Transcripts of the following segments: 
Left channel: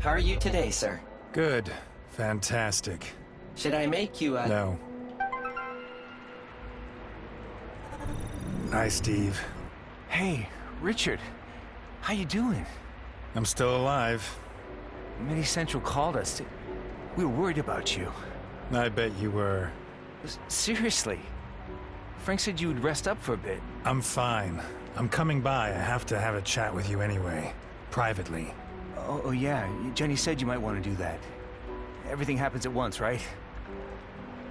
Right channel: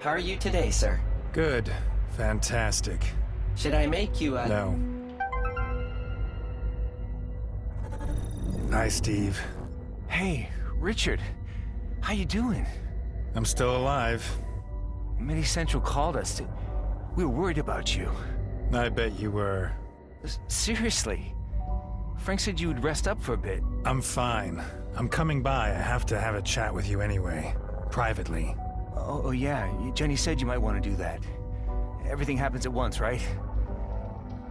How are you today, sir? Good. Fantastic. Should I make you a... No. Hi, Steve. Hey, Richard. How you doing? I'm still alive. Mini Central called us. We were worried about you. I bet you were. Seriously. Frank said you would rest up for a bit. I'm fine. I'm coming by. I have to have a chat with you anyway. Privately. Oh yeah. Jenny said you might want to do that. Everything happens at once, right?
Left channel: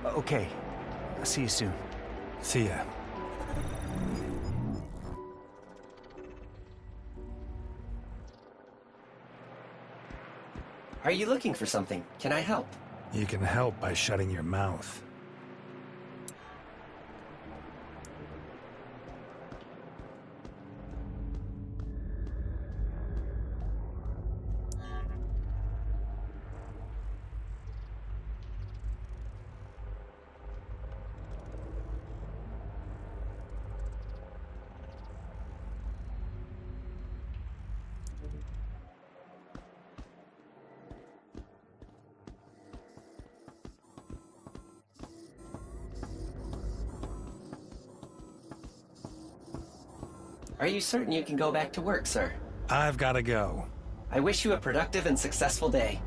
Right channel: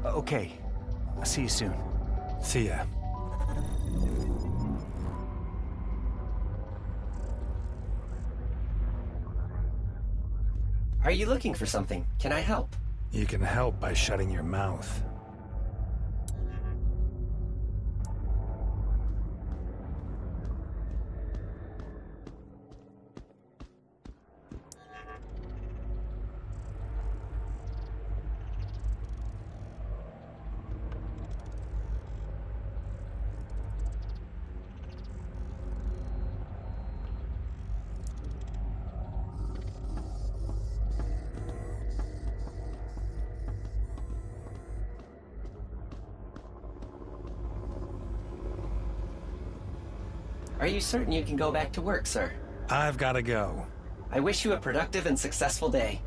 Okay. I'll see you soon. See ya. Are you looking for something? Can I help? You can help by shutting your mouth. Are you certain you can go back to work, sir? I've gotta go. I wish you a productive and successful day.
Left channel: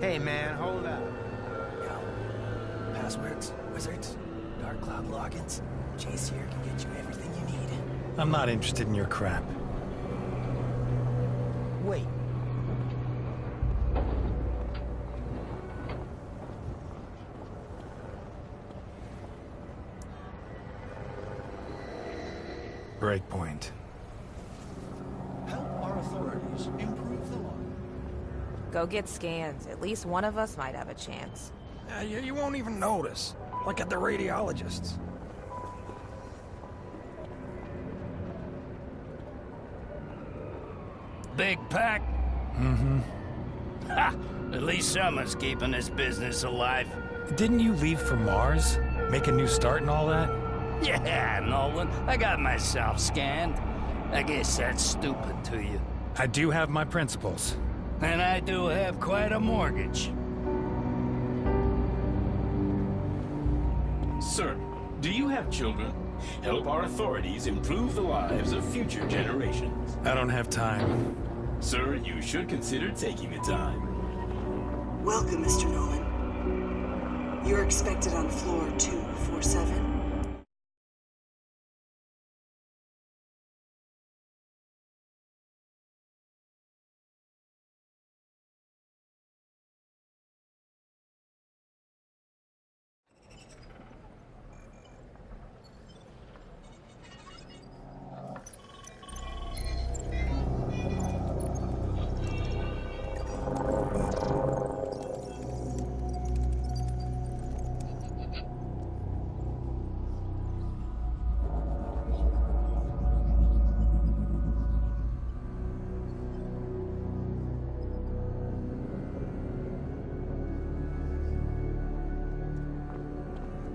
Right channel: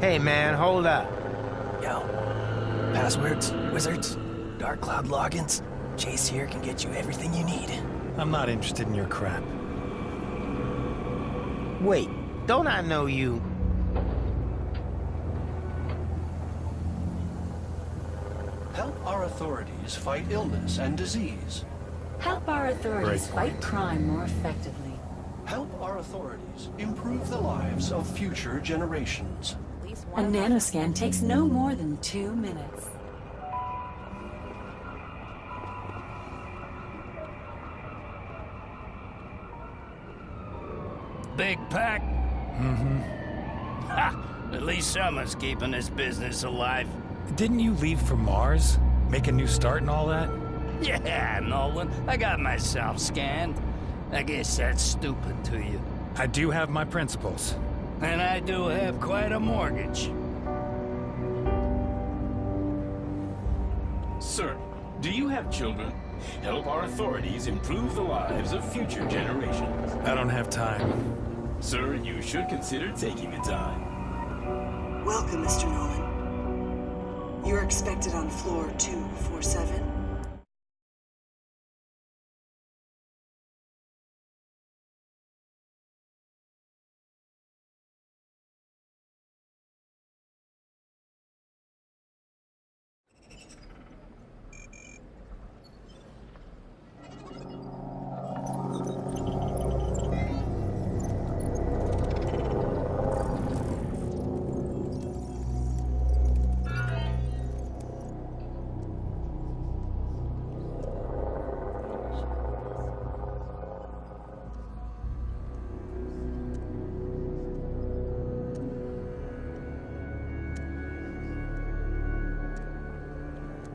Hey man, hold up. Yo, passwords, wizards, Dark Cloud logins. Chase here can get you everything you need. I'm not interested in your crap. Wait, don't I know you? Help our authorities fight illness and disease. Help our authorities Great fight point. crime more effectively. Help our authorities improve the lives of future Go get generations. scans. At least one A of us might have nanoscan a takes chance. no more than 2 You won't minutes. even notice, like at the radiologists. Big pack? Mm-hmm. Ha! At least someone's keeping this business alive. Didn't you leave for Mars? Make a new start and all that? Yeah, Nolan, I got myself scanned. I guess that's stupid to you. I do have my principles. And I do have quite a mortgage. Sir, do you have children? Help our authorities improve the lives of future generations. I don't have time. Sir, you should consider taking the time. Welcome, Mr. Nolan. You're expected on floor 247.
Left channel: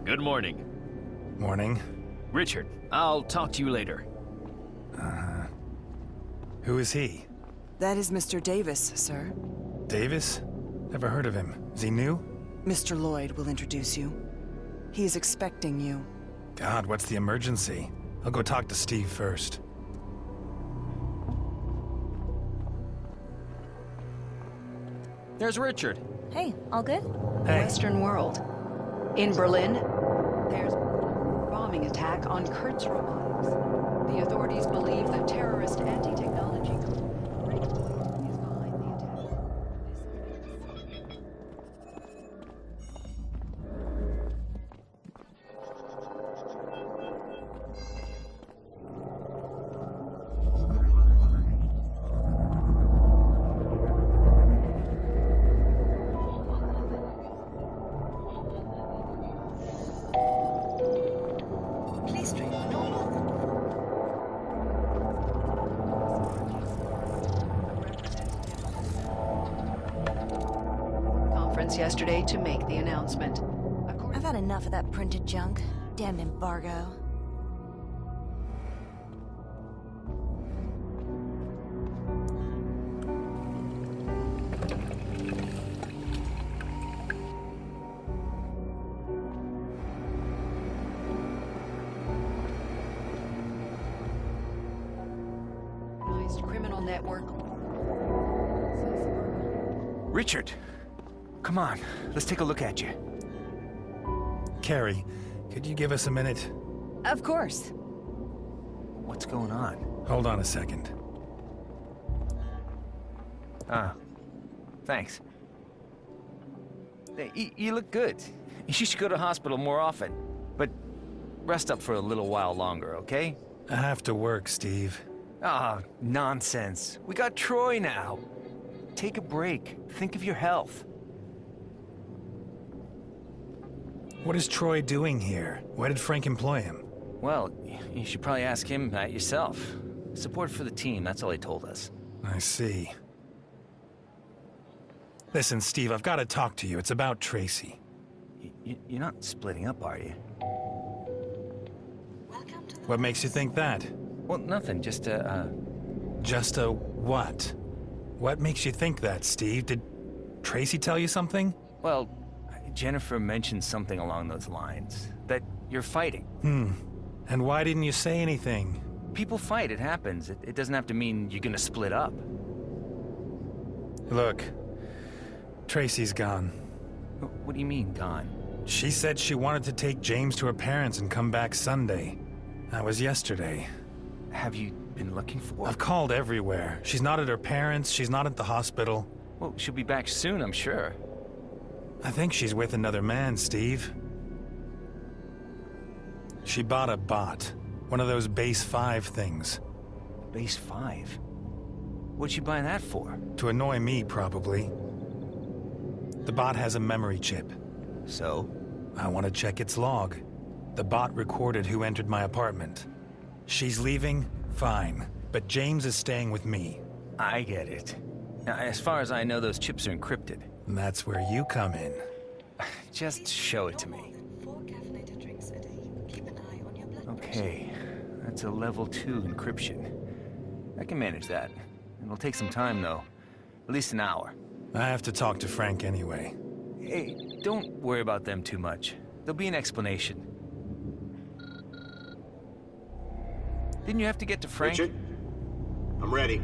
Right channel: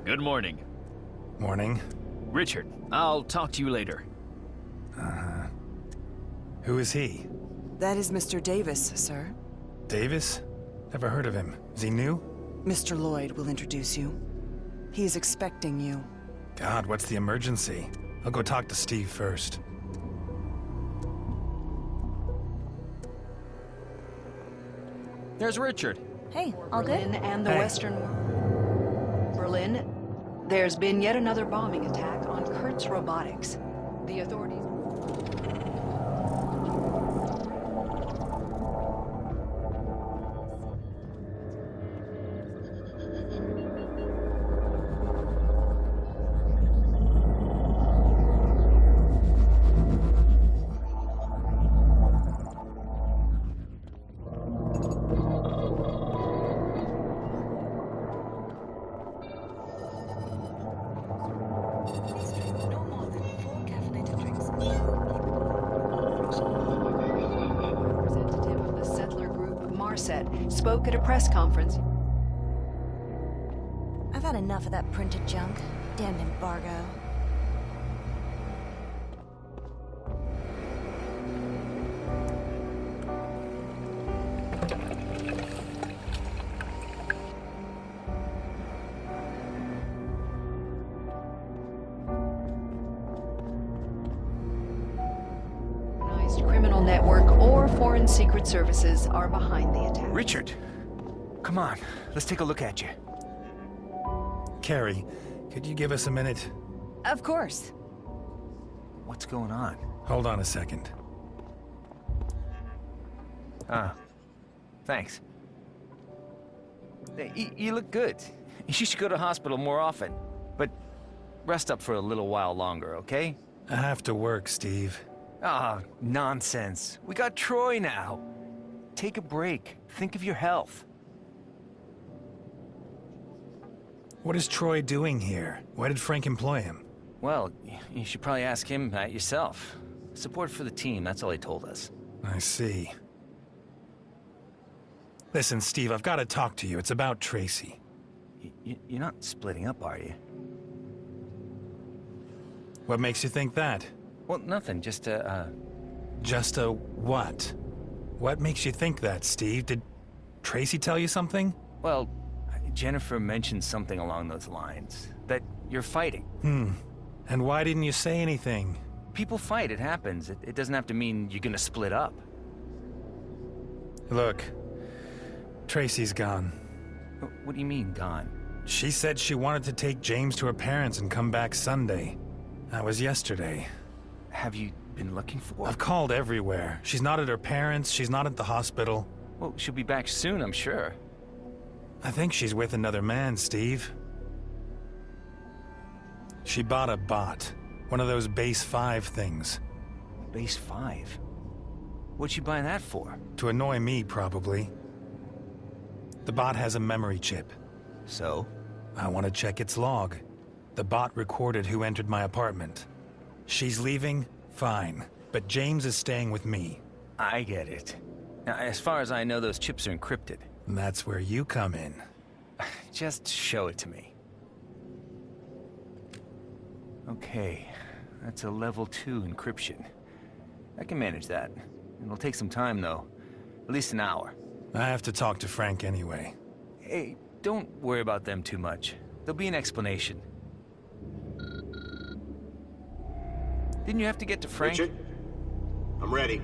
Good morning. Morning. Richard, I'll talk to you later. Who is he? That is Mr. Davis, sir. Davis? Never heard of him. Is he new? Mr. Lloyd will introduce you. He is expecting you. God, what's the emergency? I'll go talk to Steve first. There's Richard. Hey, all good? And the Western world. In Berlin, there's been yet another bombing attack on Kurtz Robotics. The authorities believe the terrorist anti-technology spoke at a press conference yesterday to make the announcement. I've had enough of that printed junk. Damned embargo. Criminal network or foreign secret services are behind the attack. Richard, come on. Let's take a look at you. Carrie, could you give us a minute? Of course. What's going on? Hold on a second. Thanks. Hey, you look good. You should go to hospital more often. But rest up for a little while longer, okay? I have to work, Steve. Ah, nonsense. We got Troy now. Take a break. Think of your health. What is Troy doing here? Why did Frank employ him? Well, you should probably ask him that yourself. Support for the team, that's all he told us. I see. Listen, Steve, I've got to talk to you. It's about Tracy. You're not splitting up, are you? What makes you think that? Well, nothing, just Just a what? What makes you think that, Steve? Did Tracy tell you something? Well, Jennifer mentioned something along those lines. That you're fighting. And why didn't you say anything? People fight, it happens. It doesn't have to mean you're gonna split up. Look, Tracy's gone. What do you mean, gone? She said she wanted to take James to her parents and come back Sunday. That was yesterday. Have you been looking for her? I've called everywhere. She's not at her parents', she's not at the hospital. Well, she'll be back soon, I'm sure. I think she's with another man, Steve. She bought a bot. One of those Base 5 things. Base 5? What'd she buy that for? To annoy me, probably. The bot has a memory chip. So? I want to check its log. The bot recorded who entered my apartment. She's leaving, fine. But James is staying with me. I get it. Now, as far as I know, those chips are encrypted. And that's where you come in. Just show it to me. Okay, that's a level 2 encryption. I can manage that. It'll take some time, though. At least an hour. I have to talk to Frank anyway. Hey, don't worry about them too much. There'll be an explanation. Didn't you have to get to Frank? Richard? I'm ready.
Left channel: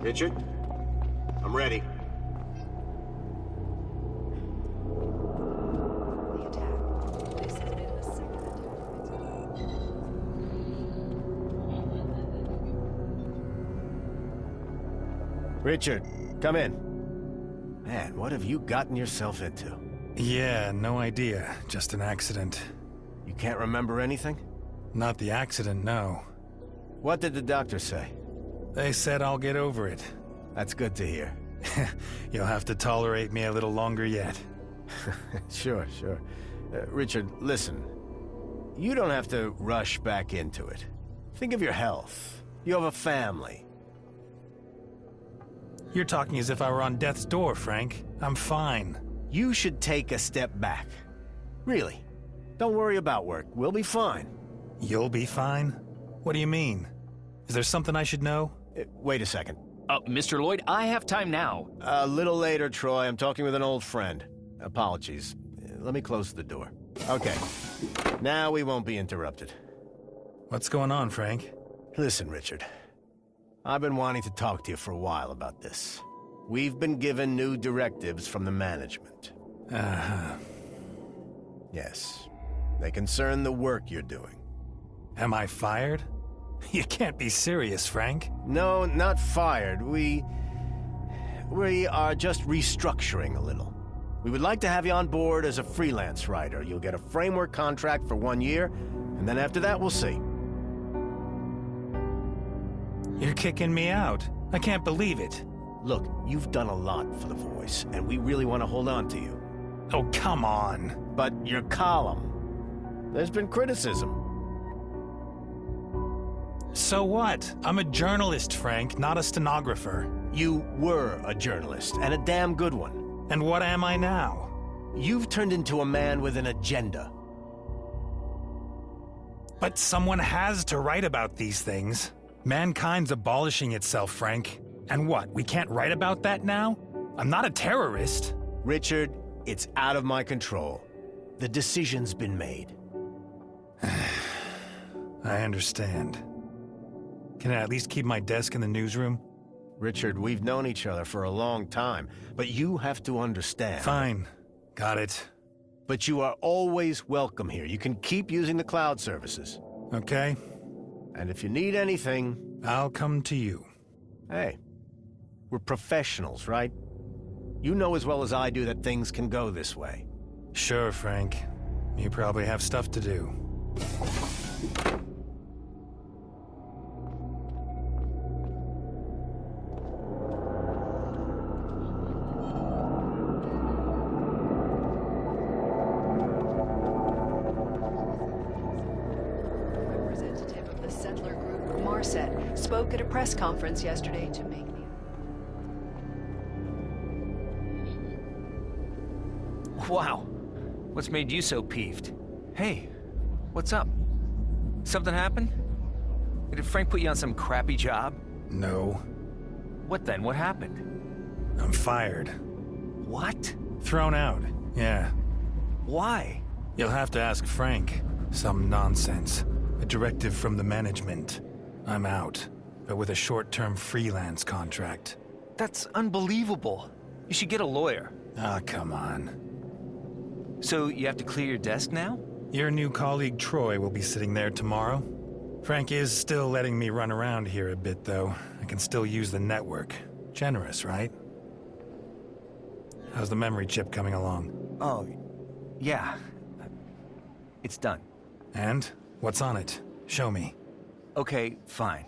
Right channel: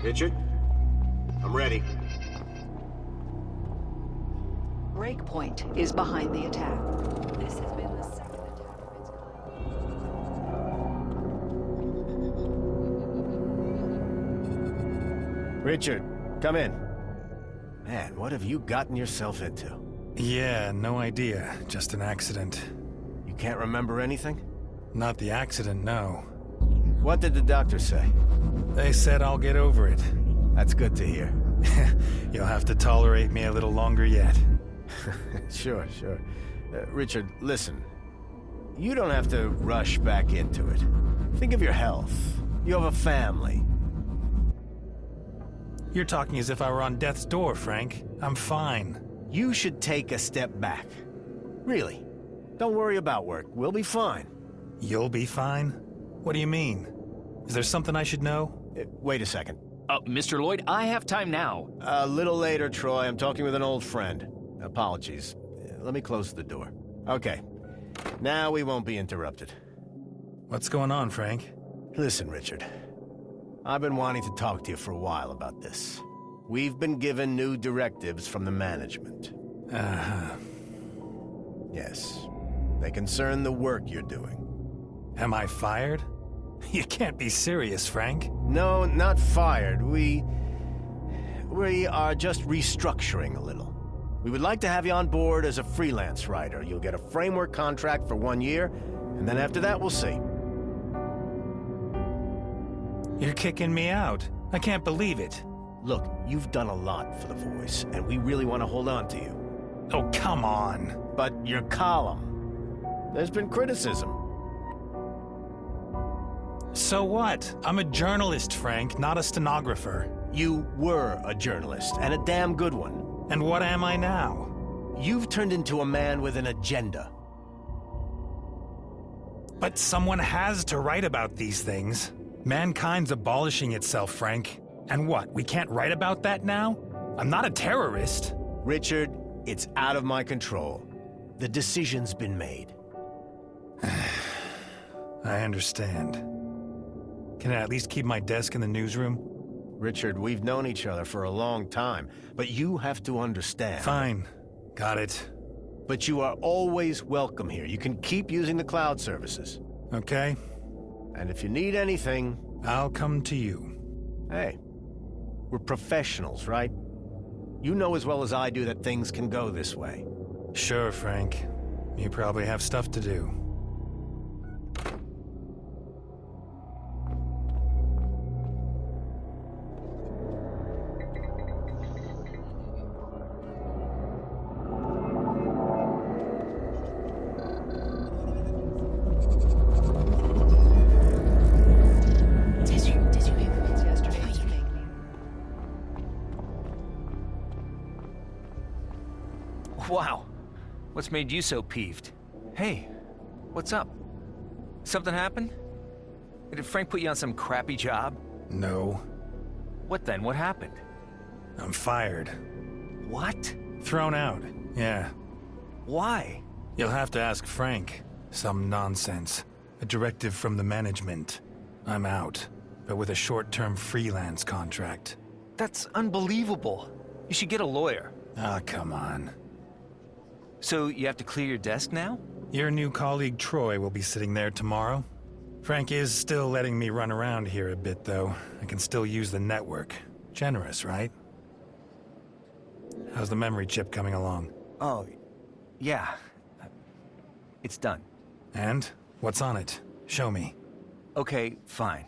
Richard? I'm ready. Breakpoint is behind the attack. This has been the second attack of its kind. Richard, come in. Man, what have you gotten yourself into? Yeah, no idea. Just an accident. You can't remember anything? Not the accident, no. What did the doctor say? They said I'll get over it. That's good to hear. You'll have to tolerate me a little longer yet. Sure. Richard, listen. You don't have to rush back into it. Think of your health. You have a family. You're talking as if I were on death's door, Frank. I'm fine. You should take a step back. Really. Don't worry about work. We'll be fine. You'll be fine? What do you mean? Is there something I should know? Wait a second. Mr. Lloyd, I have time now. A little later, Troy. I'm talking with an old friend. Apologies. Let me close the door. Okay. Now we won't be interrupted. What's going on, Frank? Listen, Richard. I've been wanting to talk to you for a while about this. We've been given new directives from the management. Uh-huh. Yes. They concern the work you're doing. Am I fired? You can't be serious, Frank. No, not fired. We are just restructuring a little. We would like to have you on board as a freelance writer. You'll get a framework contract for 1 year, and then after that, we'll see. You're kicking me out. I can't believe it. Look, you've done a lot for The Voice, and we really want to hold on to you. Oh, come on. But your column, there's been criticism. So what? I'm a journalist, Frank, not a stenographer. You were a journalist, and a damn good one. And what am I now? You've turned into a man with an agenda. But someone has to write about these things. Mankind's abolishing itself, Frank. And what, we can't write about that now? I'm not a terrorist. Richard, it's out of my control. The decision's been made. I understand. Can I at least keep my desk in the newsroom? Richard, we've known each other for a long time, but you have to understand. Fine. Got it. But you are always welcome here. You can keep using the cloud services. Okay. And if you need anything... I'll come to you. Hey, we're professionals, right? You know as well as I do that things can go this way. Sure, Frank. You probably have stuff to do. Wow. What's made you so peeved? Hey, what's up? Something happened? Did Frank put you on some crappy job? No. What then? What happened? I'm fired. What? Thrown out, yeah. Why? You'll have to ask Frank. Some nonsense. A directive from the management. I'm out, but with a short-term freelance contract. That's unbelievable. You should get a lawyer. Ah, come on. So you have to clear your desk now? Your new colleague Troy will be sitting there tomorrow. Frank is still letting me run around here a bit, though. I can still use the network. Generous, right? How's the memory chip coming along? Oh, yeah. It's done. And? What's on it? Show me. Okay, fine.